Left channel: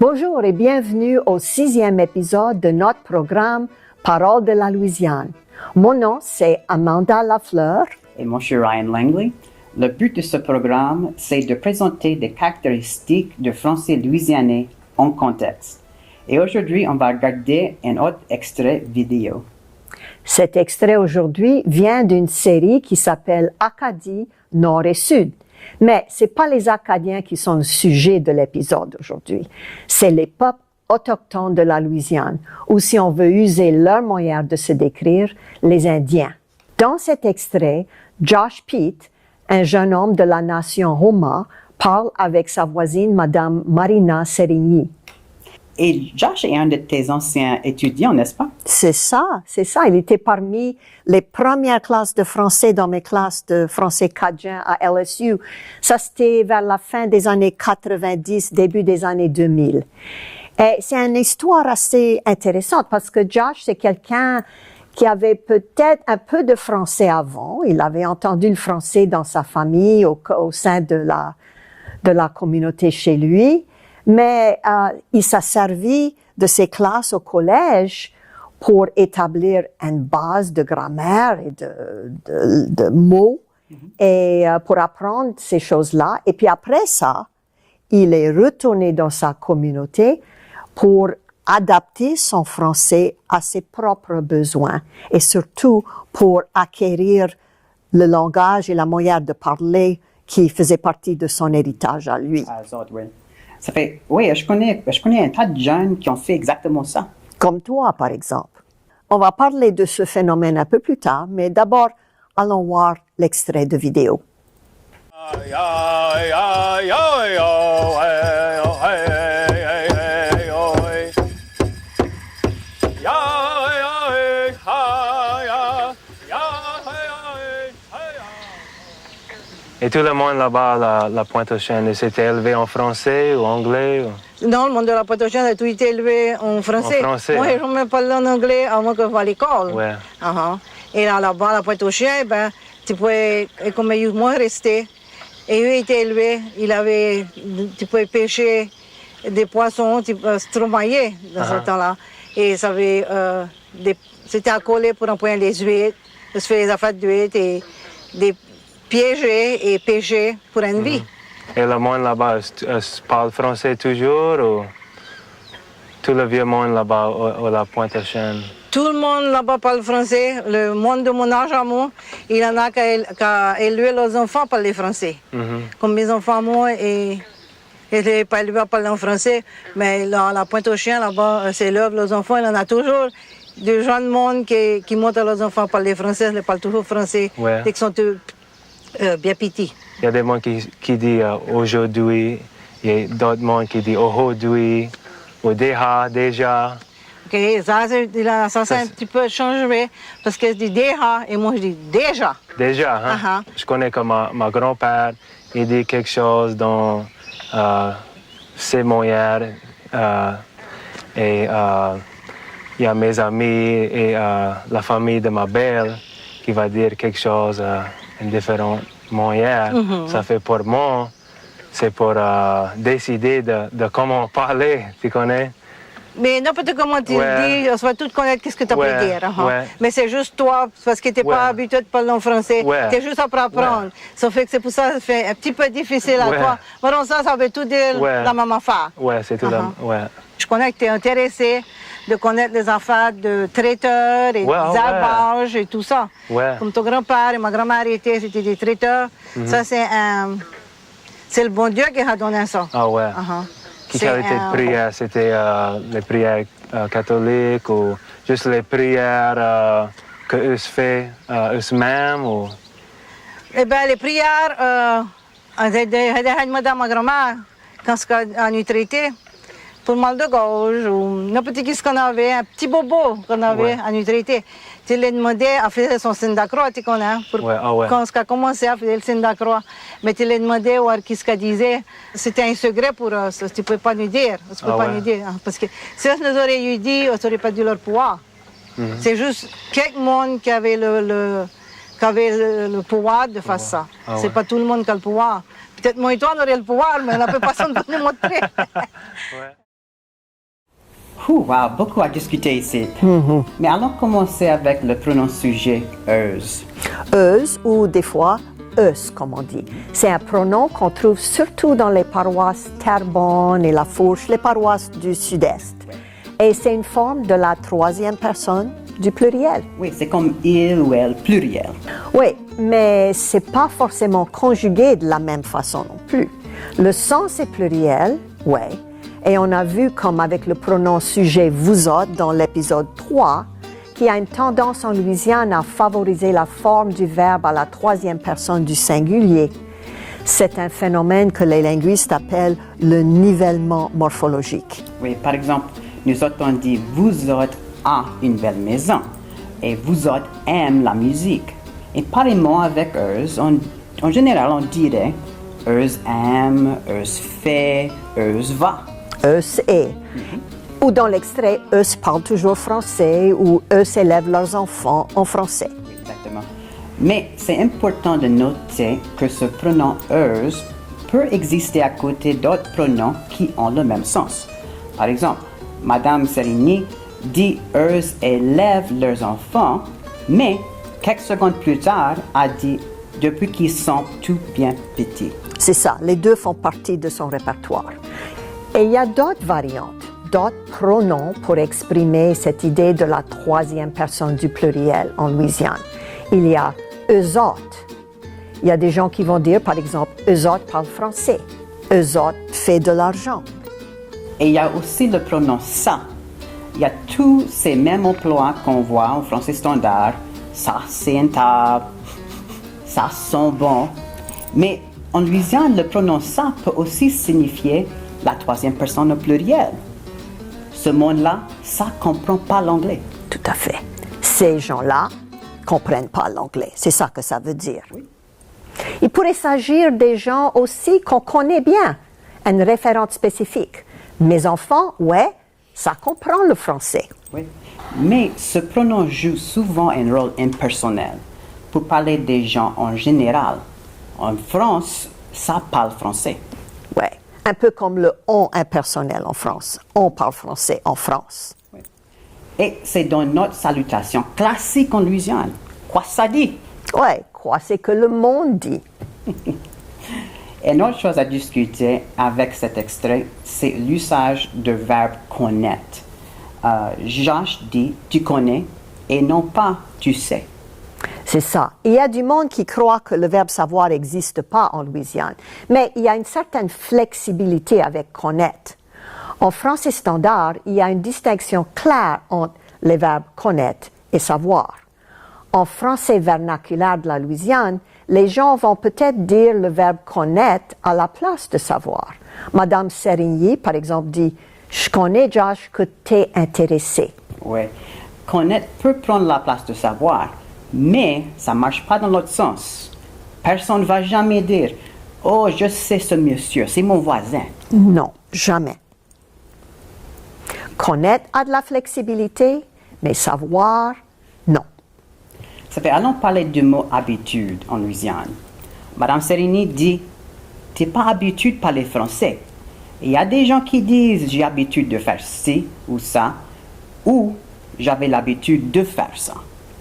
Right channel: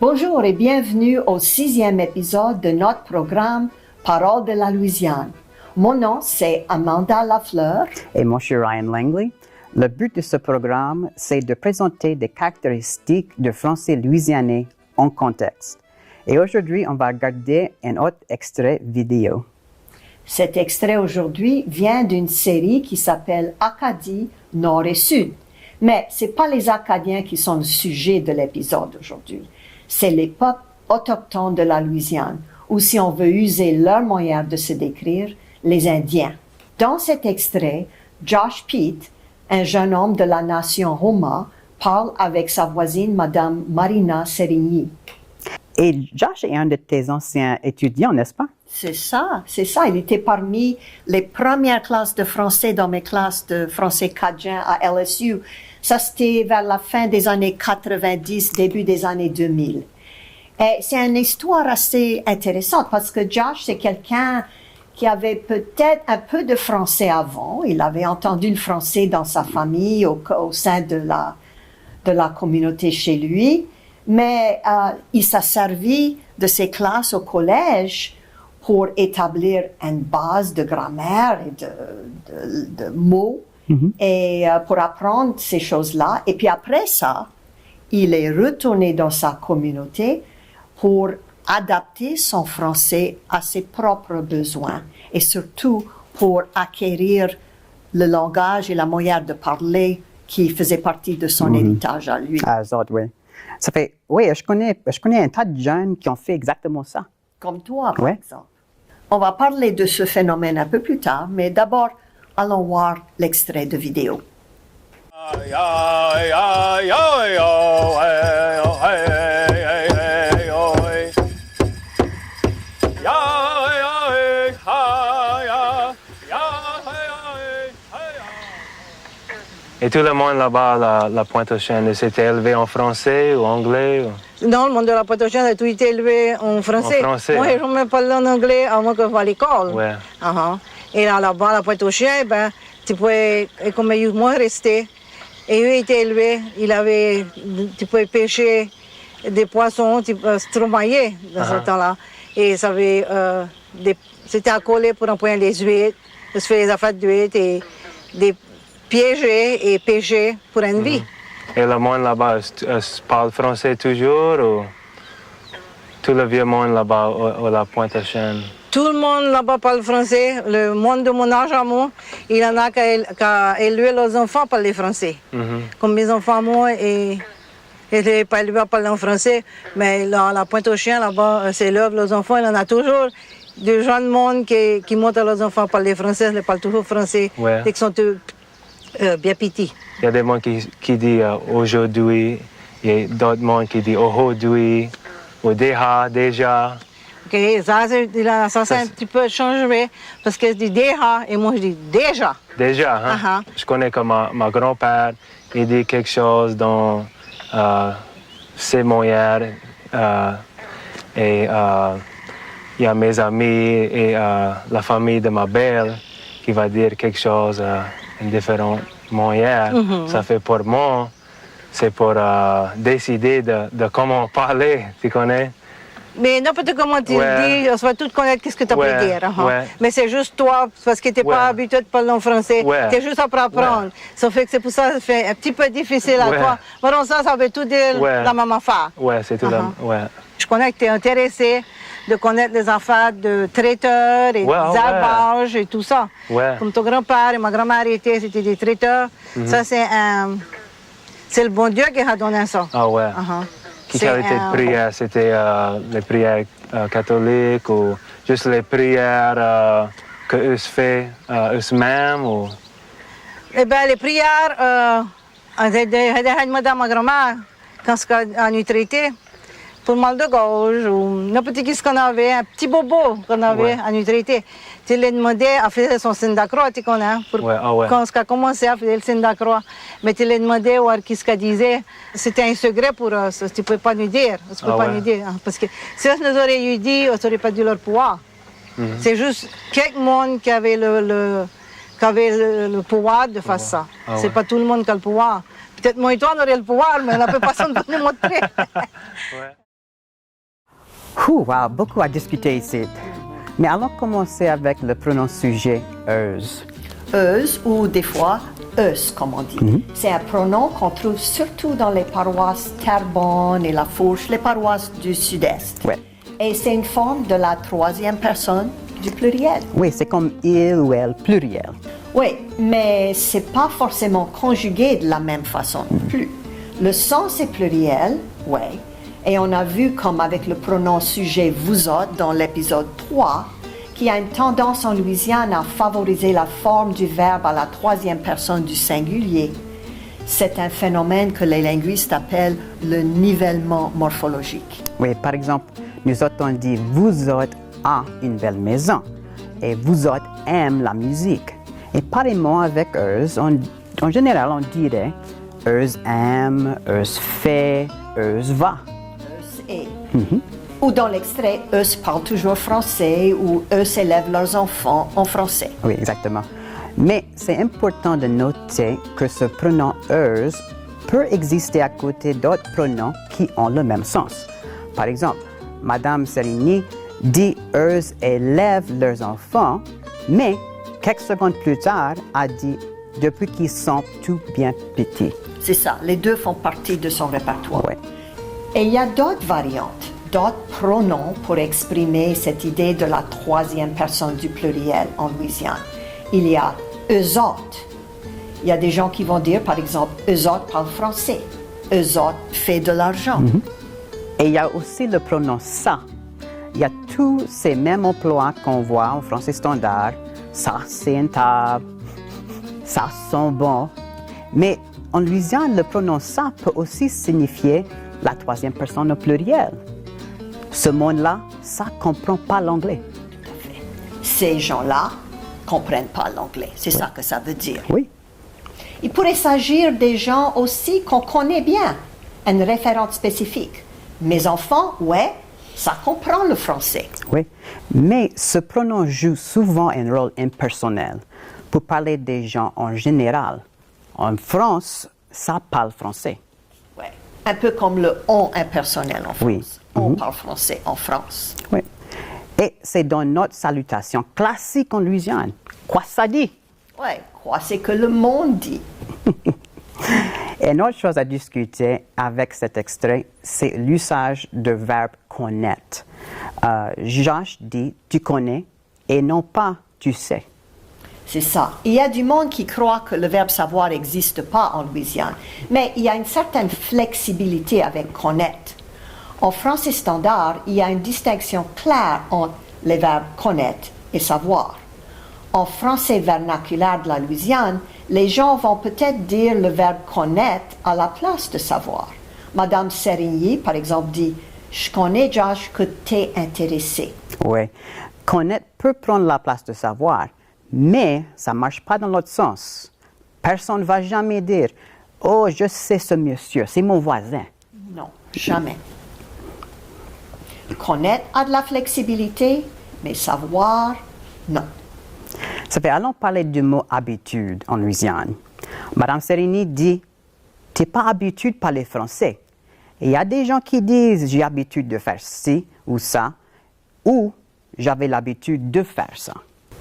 Bonjour et bienvenue au 6e épisode de notre programme Paroles de la Louisiane. Mon nom, c'est Amanda Lafleur. Et moi, je suis Ryan Langley. Le but de ce programme, c'est de présenter des caractéristiques du français louisianais en contexte. Et aujourd'hui, on va regarder un autre extrait vidéo. Cet extrait aujourd'hui vient d'une série qui s'appelle Acadie, Nord et Sud. Mais ce n'est pas les Acadiens qui sont le sujet de l'épisode aujourd'hui. C'est les peuples autochtones de la Louisiane, ou si on veut user leur moyen de se décrire, les Indiens. Dans cet extrait, Josh Peet, un jeune homme de la nation Houma, parle avec sa voisine, Madame Marina Sérigny. Et Josh est un de tes anciens étudiants, n'est-ce pas? C'est ça. Il était parmi les premières classes de français dans mes classes de français cadien à LSU. Ça, c'était vers la fin des années 90, début des années 2000. Et c'est une histoire assez intéressante parce que Josh, c'est quelqu'un qui avait peut-être un peu de français avant. Il avait entendu le français dans sa famille, au sein de la communauté chez lui. Mais il s'est servi de ses classes au collège pour établir une base de grammaire et de mots et pour apprendre ces choses-là. Et puis après ça, il est retourné dans sa communauté pour adapter son français à ses propres besoins et surtout pour acquérir le langage et la manière de parler qui faisait partie de son héritage à lui. Ah, ça, oui. Ça fait, oui, je connais un tas de jeunes qui ont fait exactement ça. Comme toi, par exemple. On va parler de ce phénomène un peu plus tard, mais d'abord, allons voir l'extrait de vidéo. Et tout le monde là-bas, la Pointe-aux-Chênes, s'était élevé en français ou anglais? Non, le monde de la Pointe-aux-Chênes a tout été élevé en français. En français. Moi, je ne même pas en anglais avant que je vais à l'école. Ouais. Et là-bas, à la Pointe-aux-Chênes, tu pouvais, comme moi, rester. Et eux étaient élevés, tu pouvais pêcher des poissons, tu pouvais se tromper dans ce temps-là. Et ça avait, c'était accolé pour empoigner les huîtres, se faire les affaires d'huîtres et des piéger et pêcher pour une vie. Et le monde là-bas parle français toujours ou tout le vieux monde là-bas à la Pointe-aux-Chênes? Tout le monde là-bas parle français. Le monde de mon âge à moi, il y en a qui élevé leurs enfants parler français. Comme mes enfants, moi, ils n'étaient pas élevés à parler en français, mais là, la Pointe-aux-Chênes, là-bas, c'est l'œuvre, leurs enfants, il y en a toujours des jeunes monde qui montrent à leurs enfants parler français, ils parlent toujours français, dès qu'ils sont bien petits. Il y a des gens qui disent aujourd'hui, il y a d'autres gens qui disent aujourd'hui, ou déjà. OK, ça c'est un petit peu changé, parce que je dis déjà et moi je dis déjà. Déjà, hein? Je connais que ma grand-père, il dit quelque chose dans ses moyens, et il y a mes amis et la famille de ma belle qui va dire quelque chose différentes manières. Ça fait pour moi, c'est pour décider de comment parler, tu connais? Mais n'importe comment tu dis, on va tout connaître ce que tu peux dire. Mais c'est juste toi, parce que tu n'es pas habitué de parler en français, tu es juste à apprendre. Ça fait que c'est pour ça que ça fait un petit peu difficile à toi. Mais ça veut tout dire la même affaire. Oui, c'est tout. Je connais que tu es intéressé de connaître les affaires de traiteurs et d'élevage et tout ça. Comme ton grand-père et ma grand-mère c'était des traiteurs. Ça, c'est le bon Dieu qui a donné ça. Ah ouais. Quelle qualité de prière? C'était les prières catholiques ou juste les prières que eux font eux-mêmes? Ou... Eh bien, les prières, madame ma grand-mère, quand elle nous traitait, pour le mal de gorge ou n'importe ce qu'on avait, un petit bobo qu'on avait à nous traiter. Tu lui demandais à faire son signe d'accroix, tu connais, quand on a commencé à faire le signe d'accroix. Mais tu lui demandais qu'est-ce qu'elle disait. C'était un secret pour eux, tu ne pouvais pas nous dire. Parce que si on nous aurait eu dit, on n'aurait pas dû leur pouvoir. C'est juste quelqu'un qui avait le pouvoir de faire ça. C'est pas tout le monde qui a le pouvoir. Peut-être moi et toi, on aurait le pouvoir, mais on n'a pas personne pour nous montrer. Wow, beaucoup à discuter ici. Mais allons commencer avec le pronom sujet euse. Euse ou des fois eus, comme on dit. C'est un pronom qu'on trouve surtout dans les paroisses Terrebonne et La Fourche, les paroisses du sud-est. Ouais. Et c'est une forme de la troisième personne du pluriel. Oui, c'est comme il ou elle pluriel. Oui, mais c'est pas forcément conjugué de la même façon non plus. Le sens est pluriel, oui. Et on a vu, comme avec le pronom sujet vous autres dans l'épisode 3, qu'il y a une tendance en Louisiane à favoriser la forme du verbe à la troisième personne du singulier. C'est un phénomène que les linguistes appellent le nivellement morphologique. Oui, par exemple, nous autres on dit vous autres a une belle maison et vous autres aiment la musique. Et pareillement avec euse, en général on dirait euse aime, euse fait, euse va. Eus est. Ou dans l'extrait, eus parlent toujours français ou eus élèvent leurs enfants en français. Oui, exactement. Mais c'est important de noter que ce pronom euse peut exister à côté d'autres pronoms qui ont le même sens. Par exemple, Madame Serigny dit euse élèvent leurs enfants, mais quelques secondes plus tard a dit depuis qu'ils sont tout bien petits. C'est ça, les deux font partie de son répertoire. Ouais. Et il y a d'autres variantes, d'autres pronoms pour exprimer cette idée de la troisième personne du pluriel en Louisiane. Il y a eux autres. Il y a des gens qui vont dire, par exemple, eux autres parlent français. Eux autres fait de l'argent. Et il y a aussi le pronom ça. Il y a tous ces mêmes emplois qu'on voit en français standard. Ça, c'est une table. Ça sent bon. Mais en Louisiane, le pronom ça peut aussi signifier la troisième personne au pluriel. Ce monde-là, ça comprend pas l'anglais. Tout à fait. Ces gens-là comprennent pas l'anglais. C'est ça que ça veut dire. Oui. Il pourrait s'agir des gens aussi qu'on connaît bien, une référence spécifique. Mes enfants, ouais, ça comprend le français. Oui. Mais ce pronom joue souvent un rôle impersonnel pour parler des gens en général. En France, ça parle français. Ouais. Un peu comme le on impersonnel en France. On parle français en France. Oui. Et c'est dans notre salutation classique en Louisiane. Quoi ça dit? Ouais, quoi c'est que le monde dit. Et une autre chose à discuter avec cet extrait, c'est l'usage du verbe connaître. Josh dit tu connais et non pas tu sais. C'est ça. Il y a du monde qui croit que le verbe savoir n'existe pas en Louisiane, mais il y a une certaine flexibilité avec connaître. En français standard, il y a une distinction claire entre les verbes connaître et savoir. En français vernaculaire de la Louisiane, les gens vont peut-être dire le verbe connaître à la place de savoir. Madame Serigny, par exemple, dit « Je connais, Josh, que t'es intéressé ». Oui. Connaître peut prendre la place de savoir, mais ça ne marche pas dans l'autre sens. Personne ne va jamais dire « Oh, je sais ce monsieur, c'est mon voisin ». Non, jamais. Connaître a de la flexibilité, mais savoir, non. Ça fait, allons parler du mot habitude en Louisiane. Madame Serigny dit « T'es pas habitué de parler français ». Et il y a des gens qui disent « J'ai l'habitude de faire ci ou ça » ou « J'avais l'habitude de faire ça ».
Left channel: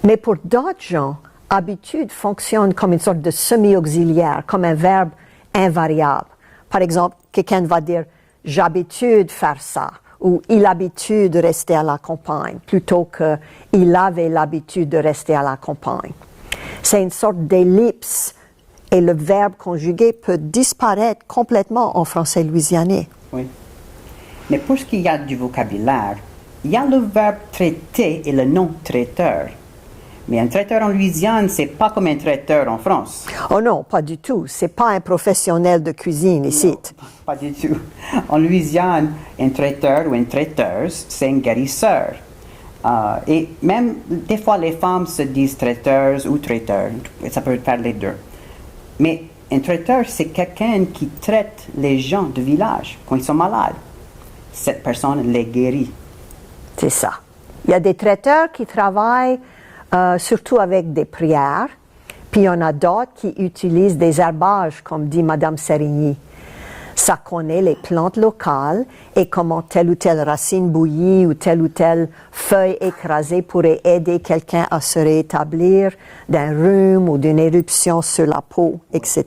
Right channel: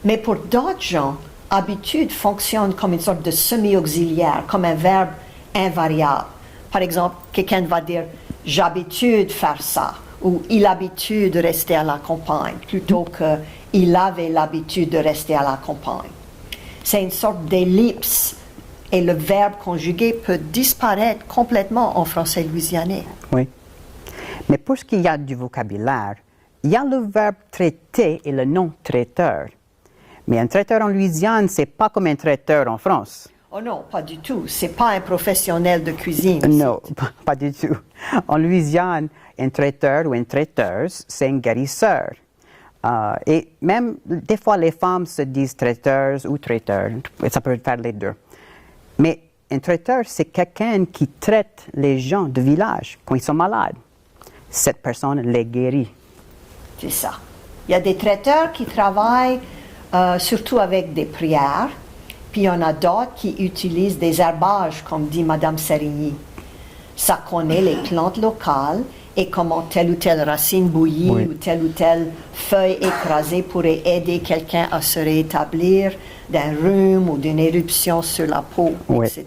Mais pour d'autres gens, habitude fonctionne comme une sorte de semi-auxiliaire, comme un verbe invariable. Par exemple, quelqu'un va dire « J'ai l'habitude de faire ça » ou « Il a l'habitude de rester à la campagne » plutôt que « Il avait l'habitude de rester à la campagne ». C'est une sorte d'ellipse et le verbe conjugué peut disparaître complètement en français louisianais. Oui. Mais pour ce qui y a du vocabulaire, il y a le verbe traiter et le nom traiteur. Mais un traiteur en Louisiane, c'est pas comme un traiteur en France. Oh non, pas du tout. C'est pas un professionnel de cuisine ici. Non, pas du tout. En Louisiane, un traiteur ou une traiteuse, c'est un guérisseur. Et même, des fois, les femmes se disent traiteuses ou traiteurs. Ça peut faire les deux. Mais un traiteur, c'est quelqu'un qui traite les gens du village quand ils sont malades. Cette personne les guérit. C'est ça. Il y a des traiteurs qui travaillent surtout avec des prières, puis il y en a d'autres qui utilisent des herbages, comme dit Madame Serigny. Ça connaît les plantes locales et comment telle ou telle racine bouillie ou telle feuille écrasée pourrait aider quelqu'un à se rétablir d'un rhume ou d'une éruption sur la peau, etc.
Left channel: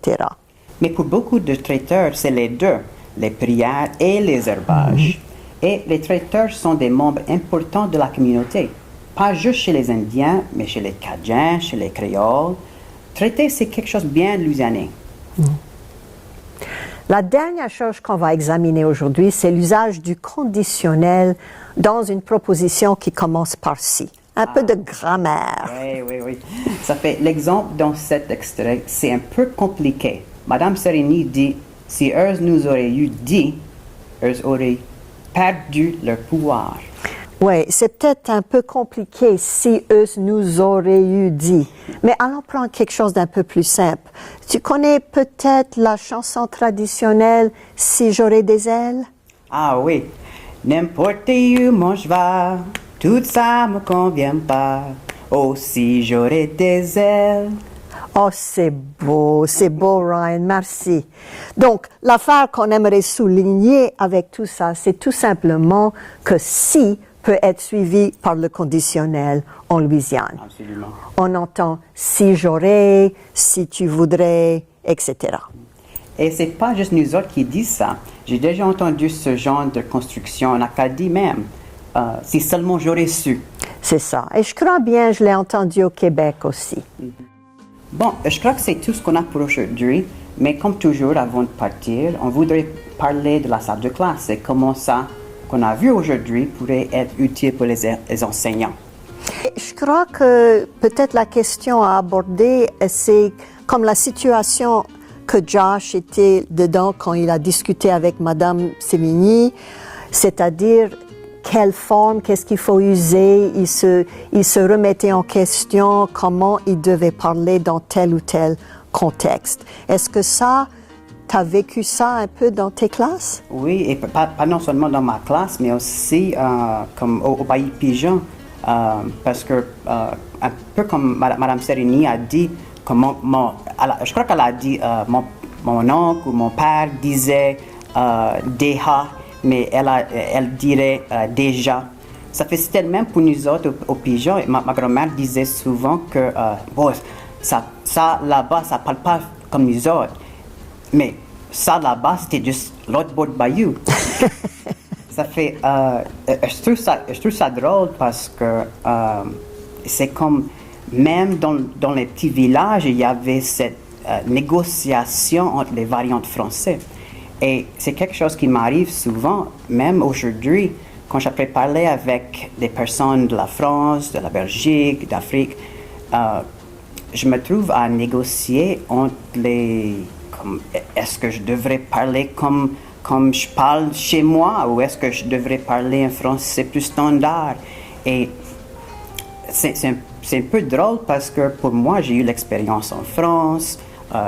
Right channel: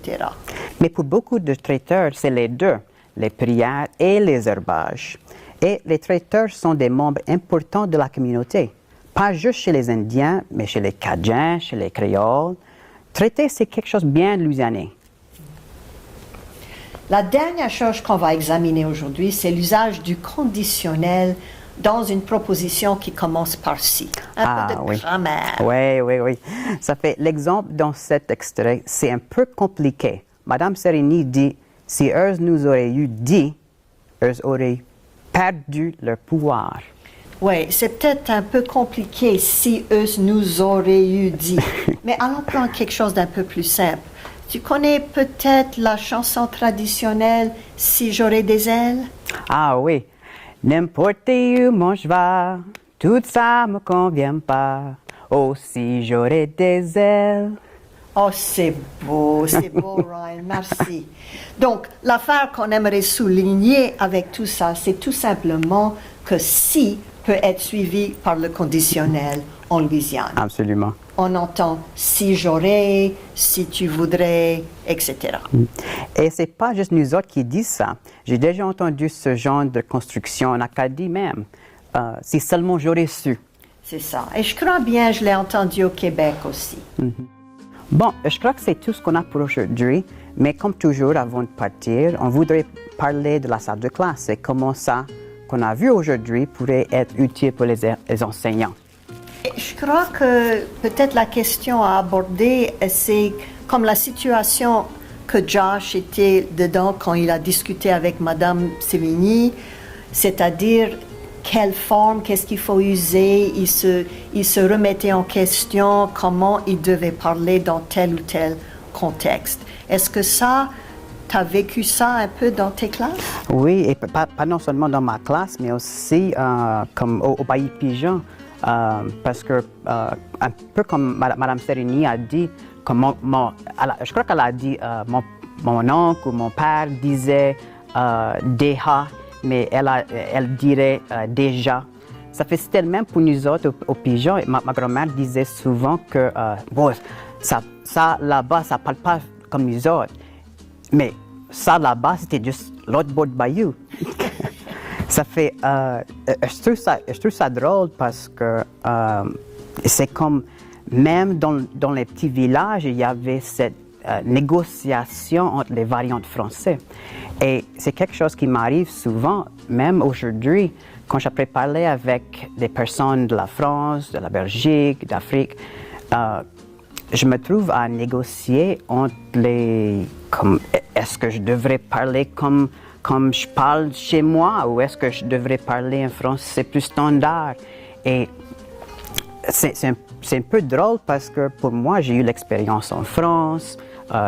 Mais pour beaucoup de traiteurs, c'est les deux, les prières et les herbages. Et les traiteurs sont des membres importants de la communauté, pas juste chez les Indiens, mais chez les Cajuns, chez les Créoles. Traiter, c'est quelque chose de bien louisianais. La dernière chose qu'on va examiner aujourd'hui, c'est l'usage du conditionnel dans une proposition qui commence par si. Un peu de grammaire. Oui. Ça fait l'exemple dans cet extrait, c'est un peu compliqué. Madame Sereni dit, si eux nous auraient eu dit, eux auraient perdu leur pouvoir. Oui, c'est peut-être un peu compliqué si eux nous auraient eu dit. Mais allons prendre quelque chose d'un peu plus simple. Tu connais peut-être la chanson traditionnelle « Si j'aurais des ailes » ? Ah oui. N'importe où mon cheval, tout ça me convient pas. Oh, si j'aurais des ailes. Oh, c'est beau, Ryan, merci. Donc, l'affaire qu'on aimerait souligner avec tout ça, c'est tout simplement que si peut être suivi par le conditionnel en Louisiane. Absolument. On entend si j'aurais, si tu voudrais, etc. Et c'est pas juste nous autres qui disent ça. J'ai déjà entendu ce genre de construction en Acadie même. Si seulement j'aurais su. C'est ça. Et je crois bien, je l'ai entendu au Québec aussi. Bon, je crois que c'est tout ce qu'on a pour aujourd'hui. Mais comme toujours, avant de partir, on voudrait parler de la salle de classe et comment ça qu'on a vu aujourd'hui pourrait être utile pour les enseignants. Je crois que peut-être la question à aborder, c'est comme la situation que Josh était dedans quand il a discuté avec Madame Sévigny, c'est-à-dire quelle forme, qu'est-ce qu'il faut user, il se remettait en question comment il devait parler dans tel ou tel contexte. Est-ce que ça, tu as vécu ça un peu dans tes classes? Oui, et pas non seulement dans ma classe, mais aussi comme au Bailli Pigeon, parce que un peu comme Madame Sereni a dit, comme je crois qu'elle a dit mon oncle ou mon père disait déjà, mais elle dirait déjà. Ça fait c'était le même pour nous autres au Pigeon. Ma grand-mère disait souvent que bon, ça là-bas, ça parle pas comme nous autres. Mais ça là-bas, c'était juste l'autre bord de bayou. Ça fait. Je trouve ça drôle parce que c'est comme. Même dans les petits villages, il y avait cette négociation entre les variantes françaises. Et c'est quelque chose qui m'arrive souvent, même aujourd'hui, quand j'ai parlé avec des personnes de la France, de la Belgique, d'Afrique. Je me trouve à négocier entre les. Est-ce que je devrais parler comme je parle chez moi ou est-ce que je devrais parler un français plus standard? Et c'est un peu drôle parce que pour moi, j'ai eu l'expérience en France,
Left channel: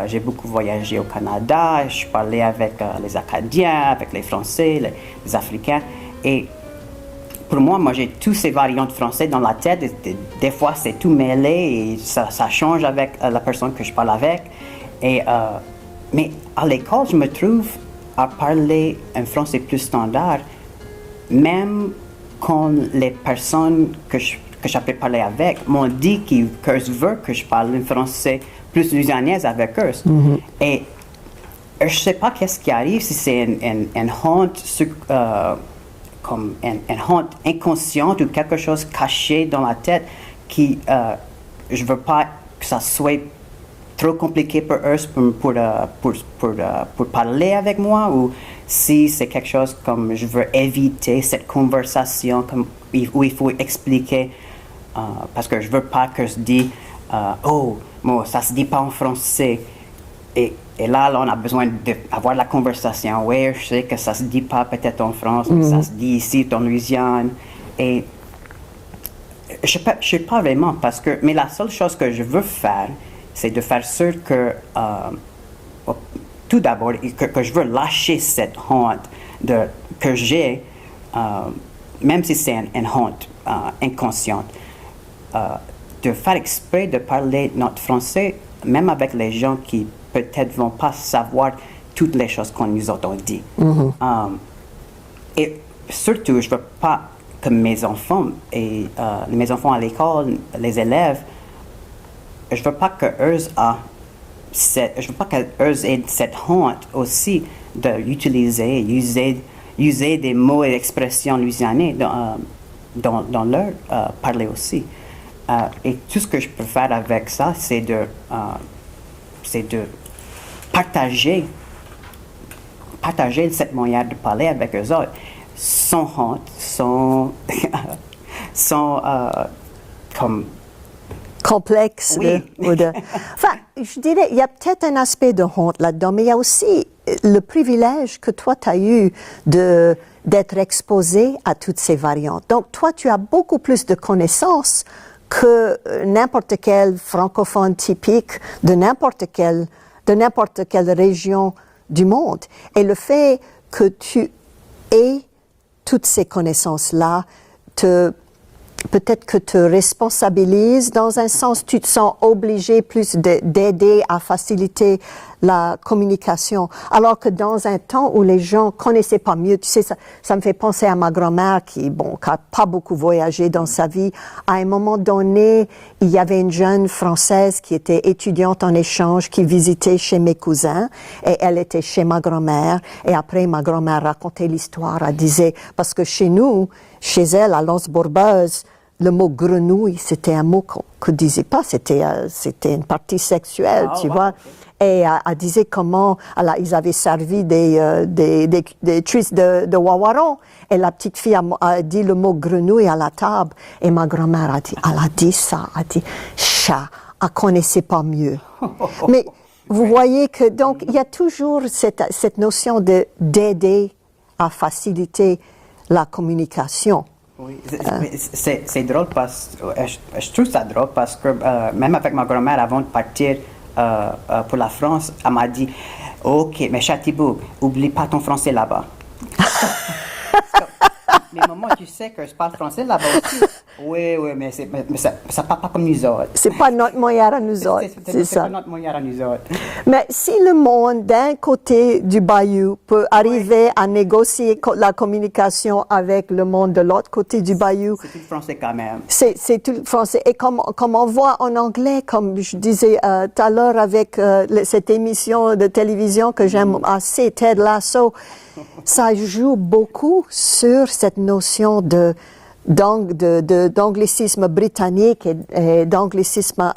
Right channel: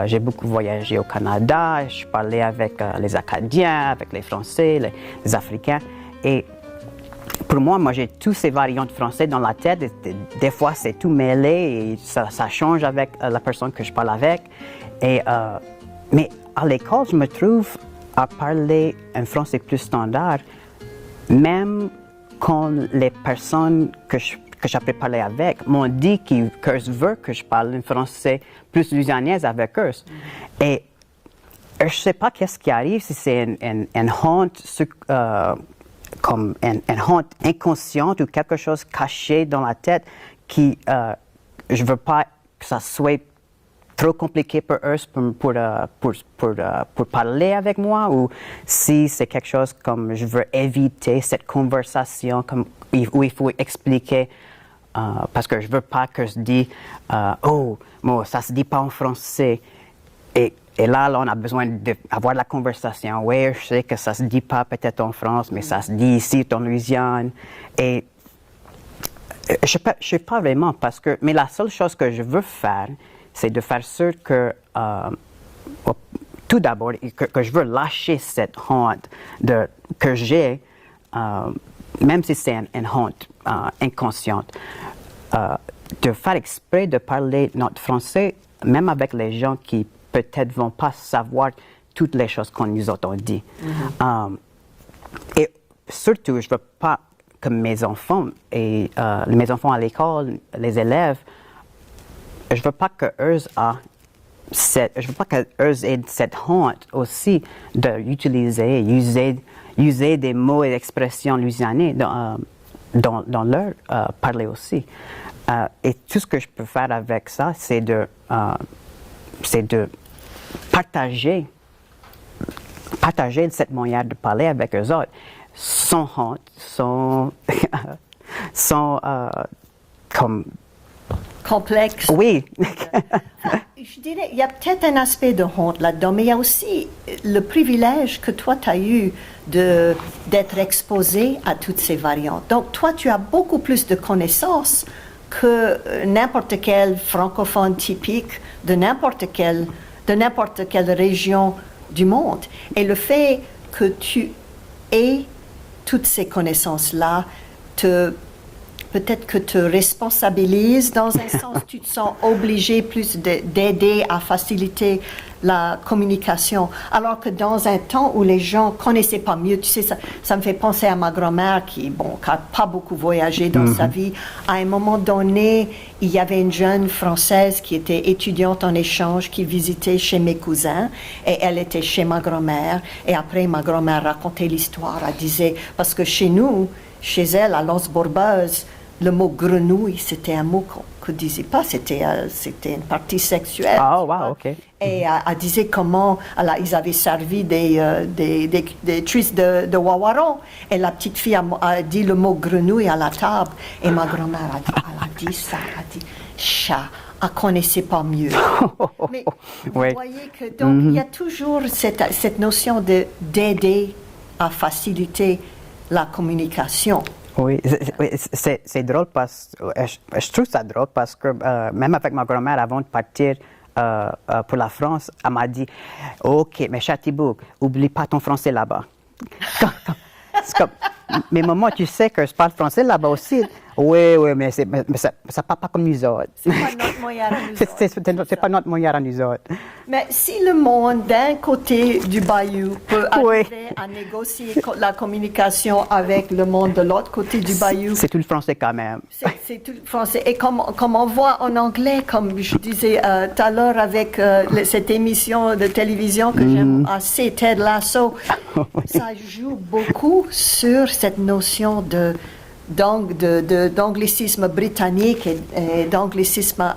j'ai beaucoup voyagé au Canada, je parlais avec les Acadiens, avec les Français, les Africains. Et pour moi, j'ai tous ces variantes français dans la tête. Des fois, c'est tout mêlé et ça change avec la personne que je parle avec. Mais à l'école, je me trouve à parler un français plus standard, même quand les personnes que j'ai parlé avec m'ont dit qu'eux veulent que je parle un français plus louisianaise avec eux. Et je ne sais pas qu'est-ce qui arrive, si c'est une honte, comme une honte inconsciente ou quelque chose caché dans la tête qui, je ne veux pas que ça soit trop compliqué pour eux pour parler avec moi, ou si c'est quelque chose comme je veux éviter cette conversation où il faut expliquer parce que je veux pas que je dise oh, bon, ça se dit pas en français et là on a besoin d'avoir la conversation. Oui, je sais que ça se dit pas peut-être en France, mais ça se dit ici en Louisiane. Et je sais pas vraiment mais la seule chose que je veux faire, c'est de faire sûr que, tout d'abord, que je veux lâcher cette honte que j'ai, même si c'est une honte inconsciente, de faire exprès de parler notre français, même avec les gens qui peut-être vont pas savoir toutes les choses qu'on nous a dit. Et surtout, je ne veux pas que mes enfants à l'école, les élèves, je veux pas qu'eux aient cette honte aussi user des mots et expressions louisianais dans leur parler aussi. Et tout ce que je peux faire avec ça, c'est de partager cette manière de parler avec eux autres, sans honte, sans comme complexe. Oui. Enfin, je dirais, il y a peut-être un aspect de honte là-dedans, mais il y a aussi le privilège que toi, tu as eu d'être exposé à toutes ces variantes. Donc, toi, tu as beaucoup plus de connaissances que n'importe quel francophone typique de n'importe quelle région du monde. Et le fait que tu aies toutes ces connaissances-là peut-être que te responsabilise dans un sens, tu te sens obligé plus d'aider à faciliter la communication. Alors que dans un temps où les gens ne connaissaient pas mieux, tu sais, ça me fait penser à ma grand-mère qui n'a pas beaucoup voyagé dans sa vie. À un moment donné, il y avait une jeune Française qui était étudiante en échange, qui visitait chez mes cousins, et elle était chez ma grand-mère. Et après, ma grand-mère racontait l'histoire. Elle disait, parce que chez nous, chez elle, à Los Bourbeuses, le mot grenouille, c'était un mot qu'on ne disait pas, c'était une partie sexuelle, tu vois. Okay. Et elle disait comment ils avaient servi des tristes de wawaron. Et la petite fille a dit le mot grenouille à la table. Et ma grand-mère elle a dit ça, elle a dit chat. Elle ne connaissait pas mieux. Mais vous voyez que donc il y a toujours cette notion d'aider à faciliter la communication. Oui, c'est drôle je trouve ça drôle parce que même avec ma grand-mère, avant de partir pour la France, elle m'a dit « Ok, mais Châteaubourg, oublie pas ton français là-bas. » Mais maman, tu sais que je parle français là-bas aussi. Oui, mais ça ne parle pas comme nous autres. C'est pas notre moyen à nous autres. C'est pas notre moyen à nous autres. Mais si le monde d'un côté du bayou peut arriver à négocier la communication avec le monde de l'autre côté du bayou, c'est tout le français quand même. C'est tout le français. Et comme on voit en anglais, comme je disais tout à l'heure avec cette émission de télévision que j'aime assez, Ted Lasso, ça joue beaucoup sur cette notion d'anglicisme britannique et d'anglicisme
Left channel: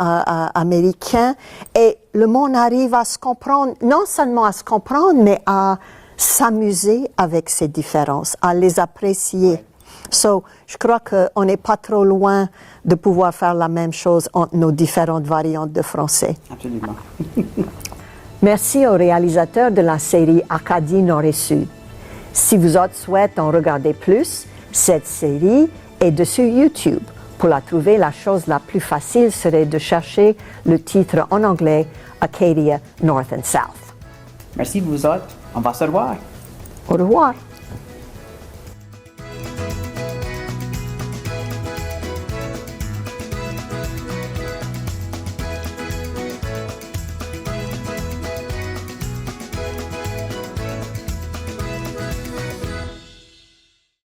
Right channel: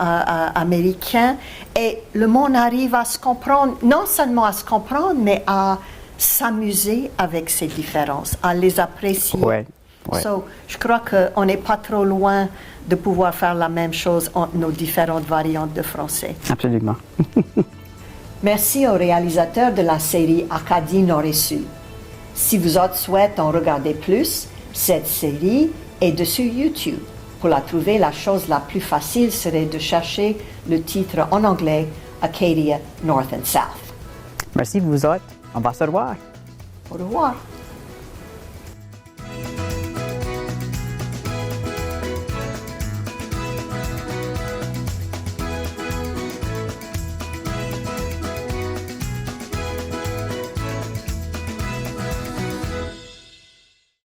américain. Et le monde arrive à se comprendre, non seulement à se comprendre, mais à s'amuser avec ces différences, à les apprécier. Ouais. So, je crois qu'on n'est pas trop loin de pouvoir faire la même chose entre nos différentes variantes de français. Absolument. Merci au réalisateur de la série Acadie Nord et Sud. Si vous autres souhaitez en regarder plus, cette série est sur YouTube. Pour la trouver, la chose la plus facile serait de chercher le titre en anglais Acadia North and South. Merci vous autres. On va se revoir. Au revoir.